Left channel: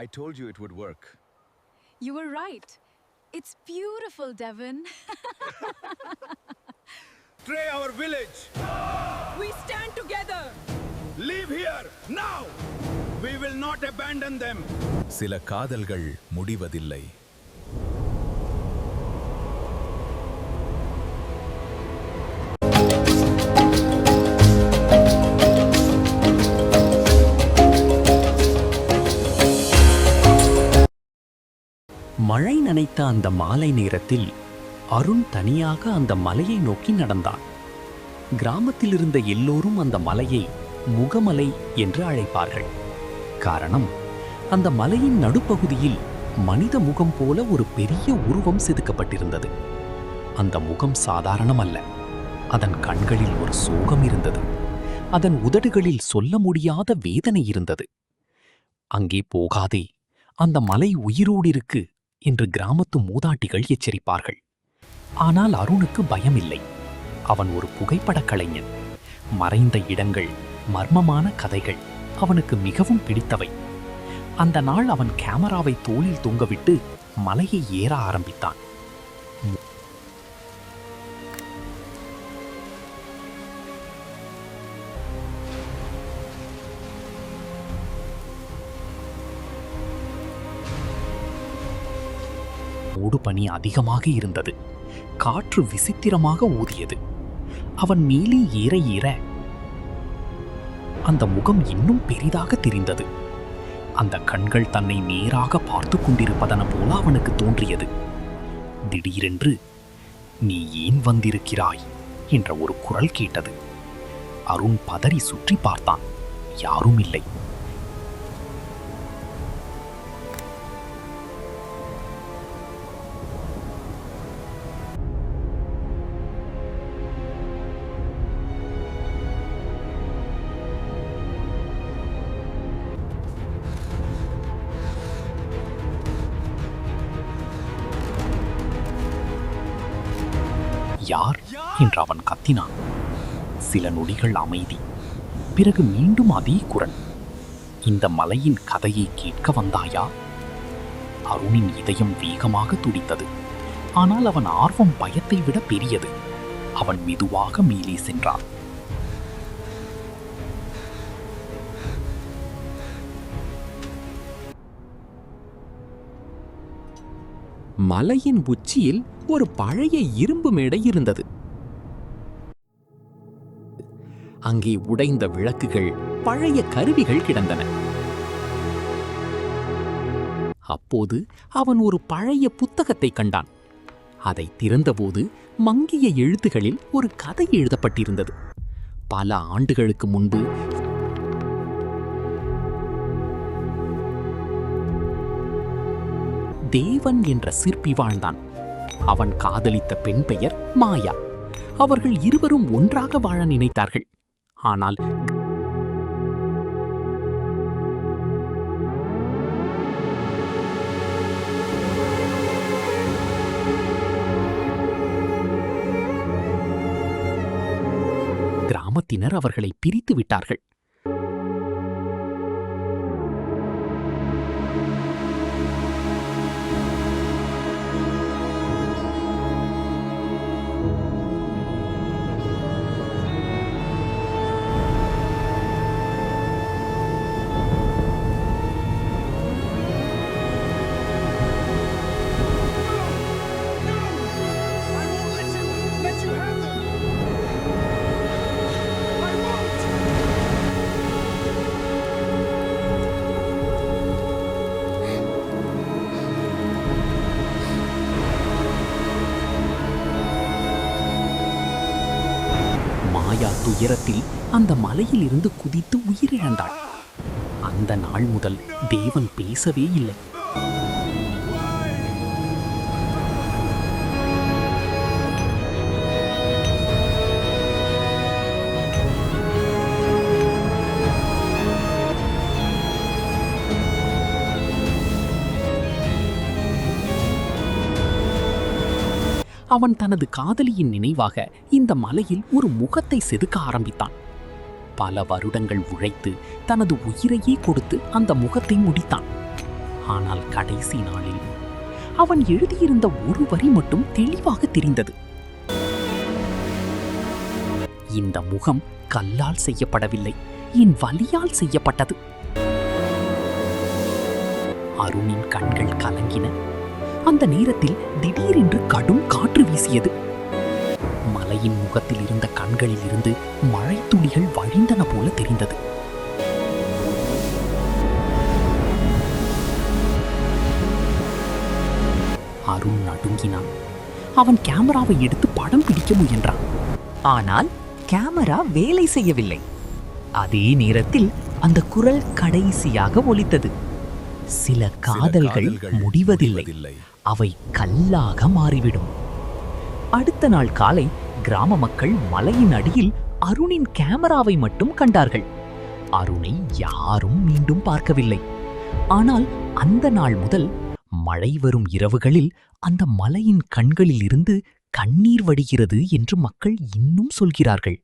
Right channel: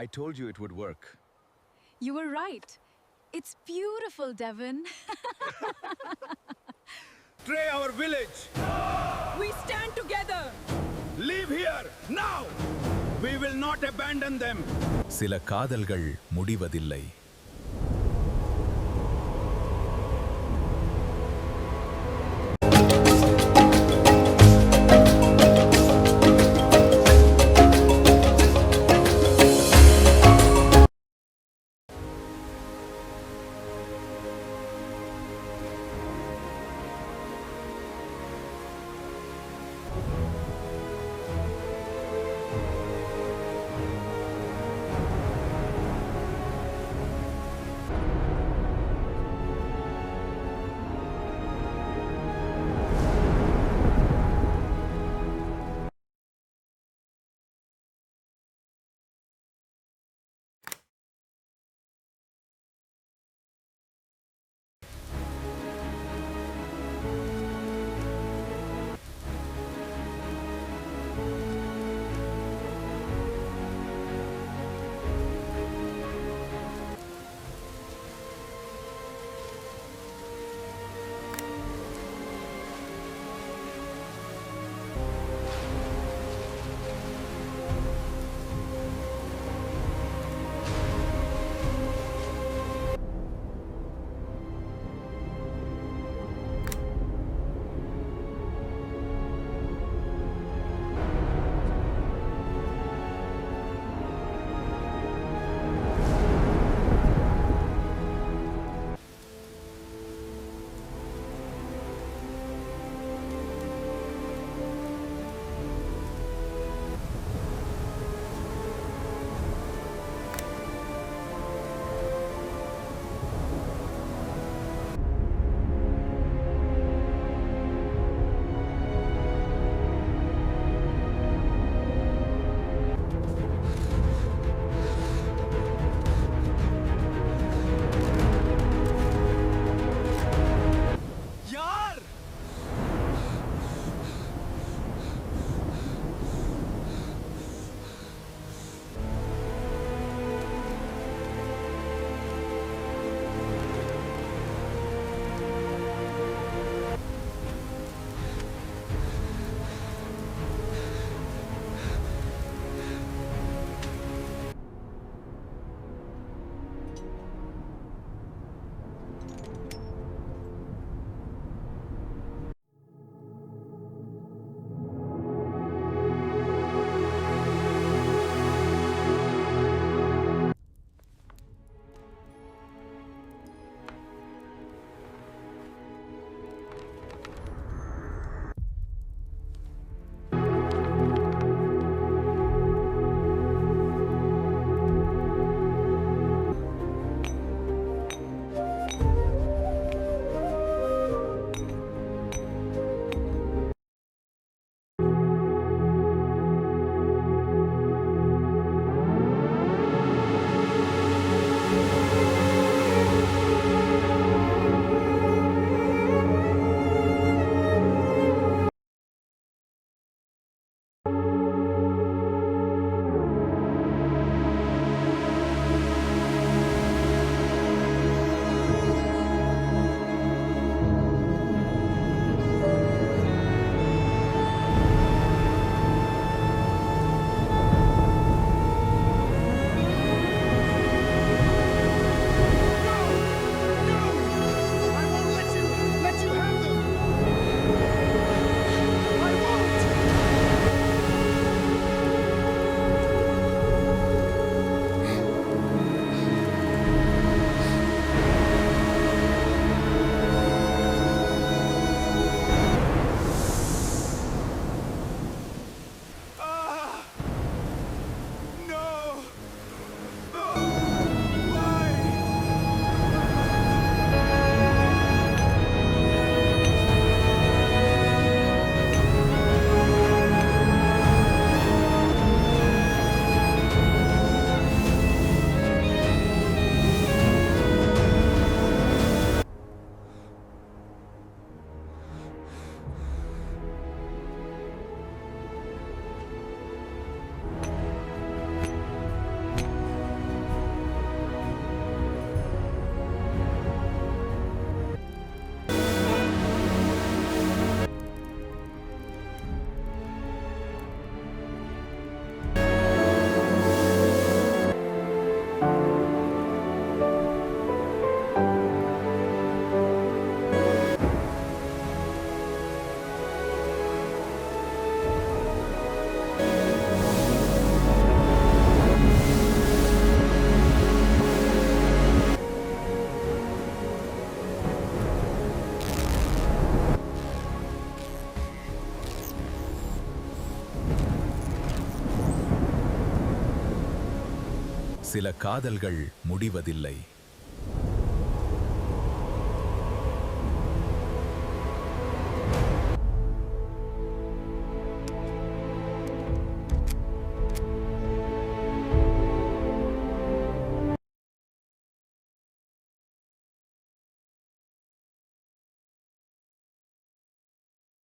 I told you it would work. You were right. It's beautiful, Devon. Betray our village! We stand together! Leave here, now! We will not abandon them! சில காதல்கள் முடிவதில்லை. மழை நனைத்த அந்த மாலை நேரத்தில் அருண் தனியாக அந்த மலையை நோக்கி நடந்தான். கிராமத்தில் இருந்த எல்லோரும் அந்த மலையை முகமலை என்று அழைப்பார்கள். காரணம், அந்த மலையின் நடுப்பகுதியில் மனித முகம் போல ஒரு பெரிய உருவம் செதுக்கப்பட்டிருந்தது. அந்த முகம் சாதாரணமல்ல. அதன் கண்களில் ஒரு சோகம் இருந்தது. அதன் உதடுகளில் சொல்ல முடியாத வேதனை இருந்தது. அங்கே போகாதே, அந்த மலை உயிரோடு இருக்கு என்று கிராமத்து மூதாட்டிகள் எச்சரிப்பார்கள். ஆனால் அருணுக்கு பயமில்லை. அவன் ஒரு புகைப்படக் கலைஞன். மறைந்த இடங்கள், மர்மமான கதைகள் அவனுக்கு மிகவும் பிடித்தவை. அந்த நாள் அவன் கேமராவை தோளில் தொங்கவிட்டு மலையை ஏற ஆரம்பித்தான். மூடுபனி அதிகமாக இருந்தது. காற்று விசித்திரமாக ஊதியது. அவன் மேலே ஏற ஏற அந்த முகம் இன்னும் பெரிதாக தெரிந்தது. அந்த கண்கள் தன்னை நேராக பார்த்து கொண்டிருப்பதன போல அவனுக்கு தோன்றியது. திடீரென்று, "நீ ஏன் வந்திருக்கிறாய்?" என்ற ஒரு குரல் கேட்டது. அருண் பதறி சுற்றி பார்த்தான். யாரும் இல்லை. யார் என்று அவன் கத்தினான். சில நொடிகள் அமைதி. பிறகு மீண்டும் அதே குரல். "இந்த மலையின் கதையை கேட்க வந்தாயா?" அருணின் இதயம் வேகமாக துடித்தது. ஆனால் அவன் ஆர்வம் பயத்தை விட பெரியது. அவன் மெதுவாக மேலே சென்றான். மலையின் உச்சியில் ஒரு பழைய இரும்பு மேடை இருந்தது. அங்கே உடைந்த விளக்குகள், பழைய கருவிகள் கிடந்தன. அப்போது அவன் ஒரு பழைய புத்தகத்தை கண்டான். அதை திறந்தபோது மங்கிய எழுத்துகளில் ஒரு கதை எழுதப்பட்டிருந்தது. பல ஆண்டுகளுக்கு முன்பு தேவன் என்ற சிற்பி வாழ்ந்தான். அவன் காதலித்த பெண் பெயர் மாயா. அவர்கள் இருவரும் ஒன்றாக வாழ நினைத்தார்கள். ஆனால் கிராமத்தினர் அவர்களை பிரித்து விட்டார்கள். உயரத்தில் அந்த மலையில் இருந்து குதித்து உயிரிழந்தாள். அந்த நாள் முதல் தேவன் பேசவே இல்லை. அவன் தனது காதலியின் நினைவாக இந்த மலையில் ஒரு முகத்தை செதுக்க ஆரம்பித்தான். பல வருடங்கள் உழைத்து தனது உயிரையே கொடுத்து அந்த முகத்தை முடித்தான். ஆனால் கடைசி நாளில் அவன் எழுதியிருந்த ஒரு வரி மட்டும் தெளிவாக தெரிந்தது. இந்த முகம் கல்லால் செய்யப்படவில்லை, என் வலியால் செய்யப்பட்டது. அருணின் கண்கள் கலங்கின. அந்த நேரத்தில் திடீரென்று கடும் காற்று வீசியது. மலையின் முகத்தில் இருந்த கண்களில் இருந்து மழை துளிகள் வழிந்தன போல தெரிந்தது. அருண் நடுங்கினான். அவன் கேமராவை எடுத்து படம் பிடிக்க முயன்றான். ஆனால் கேமரா வேலை செய்யவில்லை. அதே நேரத்தில் அந்த குரல் கடைசியாக ஒலித்தது. சில காதல்கள் முடிவதில்லை, அவை கல்லாக மாறிவிடும். அடுத்த நாள் காலை கிராம மக்கள் மலையின் அடியில் அருணின் கேமராவை மட்டும் கண்டார்கள். அருணை யாரும் மீண்டும் பார்க்கவில்லை. ஆனால் அந்த நாள் முதல் மழை வரும் இரவுகளில் அந்த மலையின் கண்களில் இருந்து கண்ணீர் வடிகிறது என்று மக்கள் இன்னும் சொல்கிறார்கள்.